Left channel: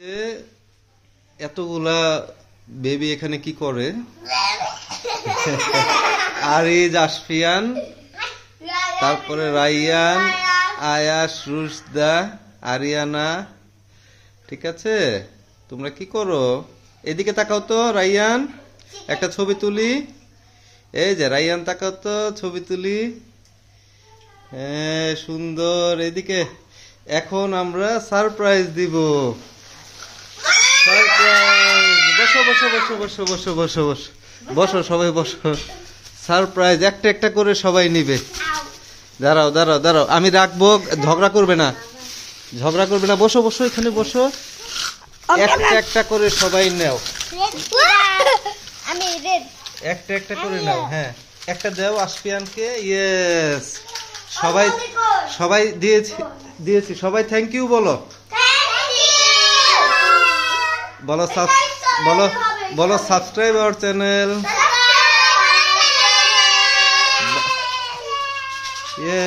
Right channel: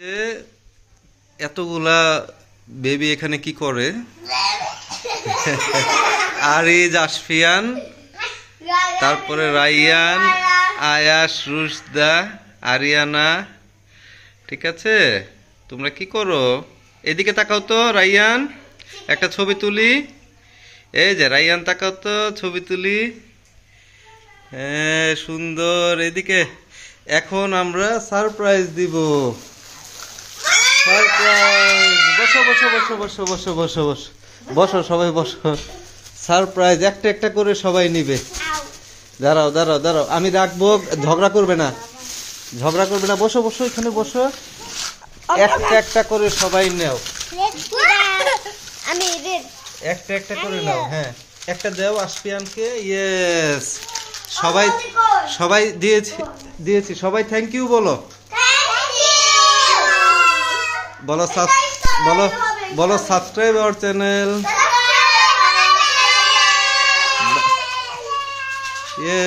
যে এতগুলা বেবি এখানে কি করে? আরিজ, আশফিয়ান, তারপরে রাইয়ান, আয়াস, রুশদা, আরিয়ানা। ঠিক আছে, তোমরা কি করো? এদিকে তাকাও তো রাইয়ান, একটা ছবি তুলি। এই যে রাইয়ান, তাকাও তো, ছবি তুলি। হ্যাঁ, সুন্দর। এদিকে এখন আমরা সারপ্রাইজ দিব। সারপ্রাইজ। বসো বসো বসো বসো বসো বসো বসো বসো, সবাই বসো। সারপ্রাইজ একটা একটা করে সবাই নিবে। দাঁড়াও দাঁড়াও দাঁড়াও, আমি রাখবো, ঝগড়া করবে না, ঝগড়া করবে না। বসো বসো, এখানে বসো। একটা একটা করে সবাই নাও, একটা একটা করে নাও। হ্যাঁ, একটা দাও আশফিয়ানকে। ইয়েস, সবাই সবাই দিয়েছি দিয়েছি। সবাই থ্যাংক ইউ বলো, বলো বলো বলো সাবস্ক্রাইব আওয়ার চ্যানেল। ইয়ে